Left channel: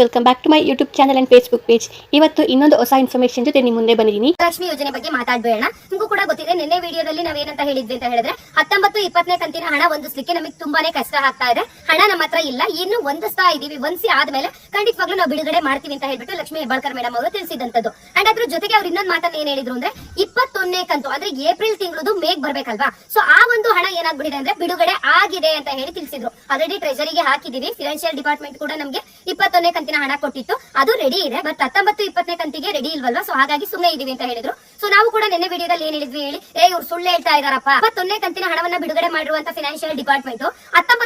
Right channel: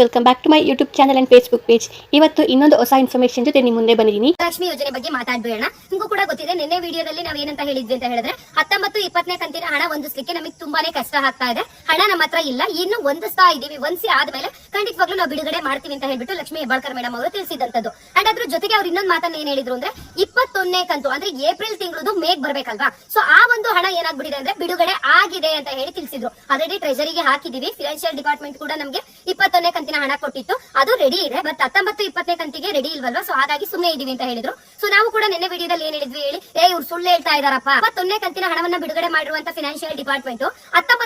Welcome back to my YouTube channel and Facebook page ಇವತ್ತು ಇನ್ನೊಂದು ಹೊಸ ಇನ್ಫಾರ್ಮೇಶನ್ ಜೊತೆ ನಿಮ್ಮ ಮುಂದೆ ಬಂದಿದ್ದೀನಿ. ಲಕ್ಷ್ಮಿ ಯೋಜನೆ ಬಗ್ಗೆ ಮಾತಾಡ್ಬೇಡ ನಿಮಗೂ ಕೂಡ ಗೊತ್ತಿದೆ ನಿನ್ನೆ ವಿಡಿಯೋದಲ್ಲಿ ನಾವ್ ಏನಂತ ಹೇಳಿದ್ವಿ ಅಂತ ಹೇಳಿದ್ರೆ, ಹತ್ತೊಂಬತ್ತು, ಇಪ್ಪತ್ತನೇ ಕಂತಿನ ಹಣ ಹೊಂದಿಸ್ಲಿಕ್ಕೆ ನಮಗೆ ತುಂಬಾನೇ ಕಷ್ಟ ಆಗ್ತಾ ಇದೆ. ಹಣ ನಮ್ಮ ಹತ್ರ ಇಲ್ಲ. ಇನ್ನು ಹೊಂದಿಸ್ತಾ ಇದೀವಿ. ಹೊಂದಿಸಿ ಆದ್ಮೇಲೆ ಖಂಡಿತವಾಗ್ಲೂ ನಾವು ಬಿಡುಗಡೆ ಮಾಡ್ತೀವಿ ಅಂತ ಹೇಳ್ಬಿಟ್ಟು ಲಕ್ಷ್ಮಿ ಹೆಬ್ಬಾಳ್ಕರ್ ಮೇಡಮ್ ಅವರು ತಿಳಿಸಿದಂತದ್ದು ಅಂಡ್ ಅದ್ರ ಜೊತೆಗೆ ಅವ್ರು ಇನ್ನೊಂದು ಮಾತನ್ನ ಏನ್ ಹೇಳಿದ್ರು ಅಂದ್ರೆ ಇಪ್ಪತ್ತೊಂದನೇ ಕಂತು ಅಂದ್ರೆ ಏಪ್ರಿಲ್ ತಿಂಗಳದು ಮೇಗ್ ಬರ್ಬೇಕಲ್ವಾ ಸೊ ಆ ಒಂದು ಹಣ ಏನಾಗ್ಬಿಟ್ಟಿದೆ ಅಂದ್ರೆ ಬಿಡುಗಡೆ ಆಗಿದೆ ಅಂತ ಹೇಳಿ ತಿಳಿಸಿದ್ರು ಆಲ್ರೆಡಿ ಟ್ರೆಜರಿಗೆ ಹಾಕಿದೀವಿ ಫಿನಾನ್ಷಿಯಲ್ ಡಿಪಾರ್ಟ್ಮೆಂಟ್ ಕೂಡ ನಮಗೆ ಇಪ್ಪತ್ತೊಂದನೇ ಕಂತಿನ ಹಣ ಕೊಟ್ಟಿತ್ತು ಅದು ರೆಡಿ ಇದೆ ಬಟ್ ಹತ್ತೊಂಬತ್ತು ಇಪ್ಪತ್ತನೇ ಕಂತಿಗೆ ರೆಡಿ ಇಲ್ವಲ್ವಾ ಸೊ ಹಾಗಾಗಿ ಸುಮ್ಮನೆ ಇದೀವಿ ಅಂತ ಹೇಳಿದ್ರು ಸೊ ನಾವು ಕೂಡ ನಿನ್ನೆ ವಿಡಿಯೋದಲ್ಲಿ ಏನ್ ಹೇಳಿದ್ವಿ ಹೇಳಿ ಏ ಇವ್ರು ಸುಳ್ಳು ಹೇಳ್ತಾ ಇದಾರಪ್ಪ ಇಪ್ಪತ್ತೊಂದನೇ ಕಂತಿನ ಹಣವನ್ನ ಬಿಡುಗಡೆ ಮಾಡಿರುವಂತ ಫಿನಾನ್ಷಿಯಲ್ ಡಿಪಾರ್ಟ್ಮೆಂಟ್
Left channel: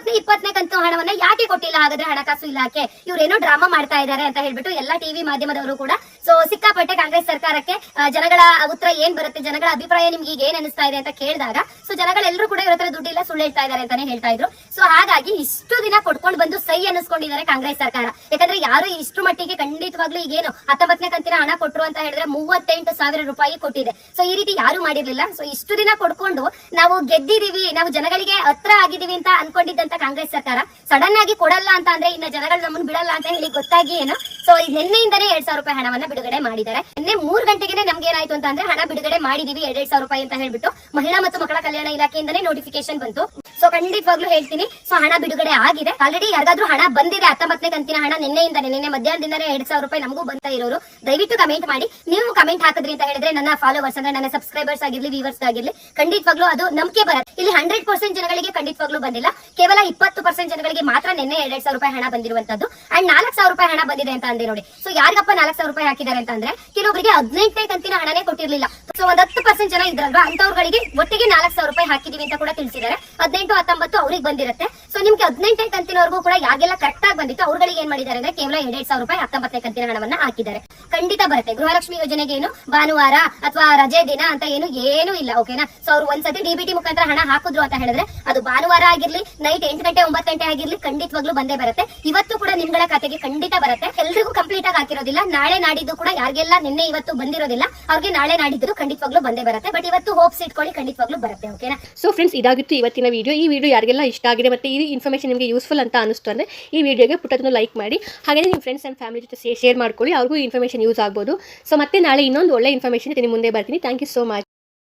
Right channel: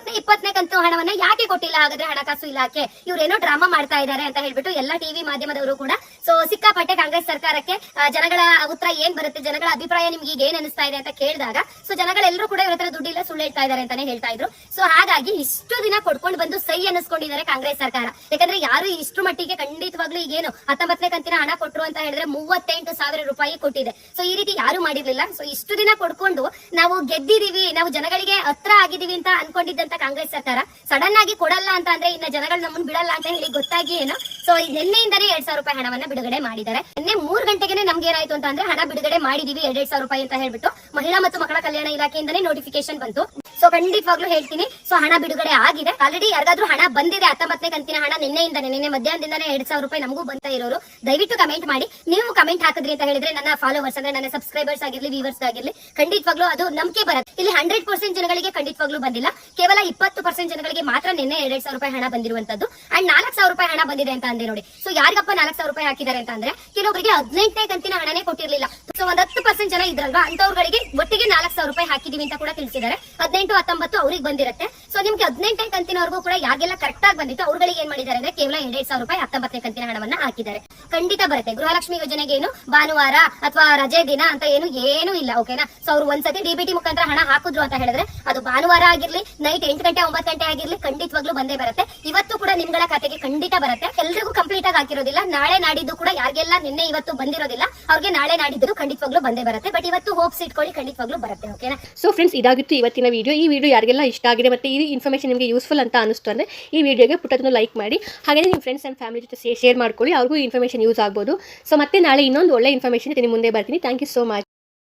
ಹತ್ತೊಂಬತ್ತನೇ ಇಪ್ಪತ್ತನೇ ಕಂತು ಹಣವನ್ನ ಯಾಕೆ ಕೊಟ್ಟಿಲ್ಲ? ಹಾಗಾದ್ರೆ ಹಣಕಾಸು ಇಲಾಖೆ ಇವರೇನೋ ಡ್ರಾಮಾ ಮಾಡ್ತಾ ಇದ್ದಾರೆ ಅಂತ ಹೇಳ್ಬಿಟ್ಟು ಎಲ್ಲಾ ಟಿವಿ ಮಾಧ್ಯಮದವರು ಕೂಡ. ಸೊ ಸಿಕ್ಕಾಪಟ್ಟೆ ಕಾಂಗ್ರೆಸ್ ಸರ್ಕಾರಕ್ಕೆ ಜನಗಳ ಉತ್ತರ ಏನ್ ಬರುತ್ತೆ, ಜನಗಳ ಅಭಿಪ್ರಾಯ ನಿಮ್ಗೆ ಈಗ ಏನ್ ಅನಿಸ್ತಾ ಇದೆ ಅಂತ ಕೇಳಿದಾಗ ಸೊ ಜನಗಳೆಲ್ಲರೂ ಕೂಡ ಇವ್ರ ಹತ್ರ ದುಡ್ಡಿಲ್ಲ, ಸುಳ್ಳು ಹೇಳ್ತಾ ಇದ್ದಾರೆ ಅಂತಾನೆ ಹೇಳ್ತಾ ಇದ್ರು. ಸೊ ಹಾಗಾಗಿ ಇಷ್ಟು ದಿನ ಕೊಡ್ಕೊಂಡು ಬಂದು ಸೈ ಅನಿಸ್ಕೊಂಡಿದ್ದಾರೆ ಕಾಂಗ್ರೆಸ್ ಸರ್ಕಾರ. ಯಾಕಂದ್ರೆ ಯಾರು ಇಷ್ಟು ಮಟ್ಟಿಗೆ ಖಂಡಿತವಾಗ್ಲೂ ಈಗೇನು ಹತ್ತೊಂಬತ್ತನೇ ಕಂತಿನ ಹಣ ಕೊಟ್ಟರು ಅಂತ ಹೇಳಿದ್ರೆ ಮೂವತ್ತೆಂಟು ಸಾವಿರ ರೂಪಾಯಿ ಕೊಟ್ಟಿದೆ. ಸೊ ಈ ರೀತಿ ಯಾರು ಮಾಡಿರ್ಲಿಲ್ಲ. ಸೊ ಇಷ್ಟು ದಿನ ಕೊಡ್ಕೊಂಡು ನಾವು ಗೆದ್ದಿದೀವಿ, ನಾವು ಜನಗಳಿಗೆ ಹತ್ರ ಆಗಿದೀವಿ ಅಂತ ಅನ್ಕೊಂಡಿದ್ದಂತ ಕಾಂಗ್ರೆಸ್ ಸರ್ಕಾರ ಸಡನ್ ಆಗಿ ಕೊಡಲ್ಲ ಅಂತ ಅಂದ್ರೆ ಇನ್ನ ಜನಗಳು ನಮ್ಮನ್ನು ಬಿಡಲ್ಲ ಅಂತ ಹೇಳಿ ಗೊತ್ತಾಗಿ ಏನು ಸೊ ನಿನ್ನೆಯಿಂದನೇ ಎರಡ್ ಸಾವಿರ ರೂಪಾಯಿ ಹಣವನ್ನ ಬಿಡುಗಡೆ ಮಾಡಿದ್ದಾರೆ. ನಿನ್ನೆ ಮೂರ್ ಗಂಟೆಗೆ ನಮ್ಗೆ ಏನಾಯ್ತು ಅಂತ ಅಂದ್ರೆ ಹಣ ಬಿಡುಗಡೆ ಮಾಡಿದೀವಿ ಎರಡ್ ಸಾವಿರ ರೂಪಾಯಿ ಅಂತ ಹೇಳ್ಬಿಟ್ಟು ಮಹಿಳಾ ಮತ್ತು ಮಕ್ಕಳ ಕಲ್ಯಾಣ ಇಲಾಖೆಯಿಂದಲೇ ನೋಟಿಫಿಕೇಶನ್ ಬಂತು. ಸೊ ಖಂಡಿತವಾಗ್ಲೂ ಹೇಳ್ತೀನಿ. ಸೊ ಹಣ ಬಿಡುಗಡೆ ಆಗಿದೆ. ಆಲ್ರೆಡಿ ಯಾರಿಗಾದ್ರೂ ಹಣ ಬಂದಿದೆ, ಹತ್ತೊಂಬತ್ತನೇ ಕಂತಿನ ಹಣ ನಿನ್ನೆಯಿಂದ ನಿನ್ನೆ ಮಧ್ಯಾಹ್ನದಿಂದನೇ ಎರಡ್ ಸಾವಿರ ರೂಪಾಯಿ ನಮಗೂ ಬಂತ ಇರೋರು. ದಯವಿಟ್ಟು ಕಮೆಂಟ್ ಮಾಡಿ. ನೀವು ಕಮೆಂಟ್ ಹಾಕಿದ್ರಿ ಅಂತ ಹೇಳಿದ್ರೆ ನನ್ನ ಫಾಲೋವರ್ಸ್ ಅಂದ್ರೆ ನನ್ನ ಸಬ್ಸ್ಕ್ರೈಬರ್ಸ್ ಆಗಿರ್ಲಿ ವೀವರ್ಸ್ ಆಗಿರ್ಲಿ, ಖಂಡಿತವಾಗ್ಲೂ ಅದು ನಂಬಿಕೆ ಬರುತ್ತೆ. ಇಲ್ಲಿ ಹಂಡ್ರೆಡ್ ಪರ್ಸೆಂಟ್ ಜನಗಳಿಗೆ ಖಂಡಿತವಾಗ್ಲೂ ಬಂದಿಲ್ಲ. ಕೇವಲ ಇಪ್ಪತ್ತು ಪರ್ಸೆಂಟ್ ಜನಗಳಿಗೆ ಮಾತ್ರ ನಿನ್ನೆ ಎರಡ್ ಸಾವಿರ ರೂಪಾಯಿ ಹಣ ಬಂದಿರುವಂತದ್ದು ಅಂಡ್ ನಾಲ್ಕು ಸಾವಿರ ರೂಪಾಯಿ ಹಣ ಬಂದಿದೆ ಅಂತ ಅಂದೆ ನೋಡಿ. ಸೊ ಯಾರಿಗಪ್ಪ ನಾಲ್ಕು ಸಾವಿರ ರೂಪಾಯಿ ಹಾಕಿದ್ದಾರೆ ಅಂತ ಅಂದ್ರೆ ಕೆಲವೊಬ್ಬರಿಗೆ ಹದಿನೆಂಟನೇ ಕಂತಿನ ಹಣನೇ ಕೊಟ್ಟಿರಲಿಲ್ಲ. ಸೊ ಒಂದ್ ಹತ್ತು ಪರ್ಸೆಂಟ್ ಜನ ಇದ್ರಲ್ವಾ? ಅಂತವ್ರಿಗೆ ಒಟ್ಟಿಗೆ ನಾಲ್ಕು ಸಾವಿರ ರೂಪಾಯಿ ಹಾಕಿದೀವಿ ಅಂತ ಕೂಡ ತಿಳಿಸಿದ್ದಾರೆ. ಹದಿನೆಂಟು ಹತ್ತೊಂಬತ್ತು ಅವ್ರಿಗೆ ಬಂದಿರುತ್ತೆ. ಸೊ ನಿಮ್ಗೆ ಹದಿನೆಂಟನೇ ಕಂತಿನವರೆಗೂ ಕೂಡ ಯಾರಿಗೆಲ್ಲ ಕರೆಕ್ಟ್ ಆಗಿ ಬಂದಿತ್ತು ಅವ್ರುಗಳಿಗೆ ಏನ್ ಮಾಡಿದ್ದಾರೆ ಅಂದ್ರೆ ಕೇವಲ ಎರಡ್ ಸಾವಿರ ರೂಪಾಯಿ ಹತ್ತೊಂಬತ್ತನೇ ಕಂತಿನ ಹಣವನ್ನ ಹಾಕಿದ್ದಾರೆ. ಖಂಡಿತ ಬರುತ್ತೆ. ಗೃಹಲಕ್ಷ್ಮಿ ಯೋಜನೆಗೆ ಏನು ಭಾನುವಾರ ಅಥವಾ ರಜೆ ದಿನ ಅಂತ ಏನು ಏನು ಇಲ್ಲ ಓಕೆನಾ ಸೊ ಅವ್ರು ಒಂದ್ಸತಿ ಡಿಬಿಟಿ ಮುಖಾಂತರ ಹಣ ಹಾಕಿದ್ರು ಅಂತ ಹೇಳಿದ್ರೆ ಅದು ಭಾನುವಾರ ಆಗಿರ್ಲಿ ನೈಟ್ ಎಂಟು ಗಂಟೆ, ಒಂಬತ್ತು ಗಂಟೆ ಆಗಿರ್ಲಿ ಖಂಡಿತವಾಗ್ಲೂ ಬಂದೇ ಬರುತ್ತೆ. ಇವತ್ತು ಕೂಡ ನಿಮ್ಗಳ ಖಾತೆಗೆ ಖಂಡಿತ ಬರುತ್ತೆ. ಎಲ್ರಿಗೂ ಕಂಪ್ಲೀಟ್ ಆಗಿ ಹಾಕಿರೋದಿಲ್ಲ. ನಾಳೆ ನಾಡಿದ್ದು ಕೂಡ ಯಾರಿಗೆಲ್ಲ ನಿನ್ನೆ ಇವತ್ತು ಬಂದಿರೋದಿಲ್ಲ, ಅವ್ರಿಗೆ ನಾಳೆ ನಾಡಿದ್ದು ಖಂಡಿತವಾಗ್ಲೂ ಬಂದೇ ಬರುತ್ತೆ. ಬಟ್ ಇವತ್ತು ಹೋಪ್ಸ್ ಇಟ್ಕೊಳ್ಳಿ ಖಂಡಿತವಾಗ್ಲೂ ಬರುತ್ತೆ ಓಕೆನಾ ಸೊ ಫ್ರೆಂಡ್ಸ್ ಇದಾಗಿತ್ತು ಇವತ್ತಿನ ವಿಡಿಯೋ ಈ ವಿಡಿಯೋ ಯಾರಿಗೆಲ್ಲ ಇಷ್ಟ ಆಗಿದೆ ಮತ್ತು ಈ ಇನ್ಫಾರ್ಮೇಷನ್ ನಿಮಗೆ ಯೂಸ್ಫುಲ್ ಅಂತ ಅನಿಸ್ತು ಅಂದರೆ ಈ ವಿಡಿಯೋಗೆ ಪುಟ್ಟದನ್ನು ಲೈಕ್ ಮಾಡಿ. ಹಾಗೆಯೇ ನಿಮ್ಮ ಫ್ರೆಂಡ್ಸ್ ಆ್ಯಂಡ್ ಫ್ಯಾಮಿಲಿ ಜೊತೆ ಶೇರ್ ಮಾಡ್ಕೊಳ್ಳಿ, ಅವ್ರಿಗೂ ಇನ್ಫಾರ್ಮೇಷನ್ ಯೂಸ್ ಆಗ್ಬೋದು. ಸೊ ಮತ್ತೆ ನಾಳೆ ಇನ್ನೊಂದು ಒಳ್ಳೆ ಇನ್ಫಾರ್ಮೇಷನ್ ನಿಮ್ಮ ಮುಂದೆ ಬರ್ತೀನಿ. Thank you so much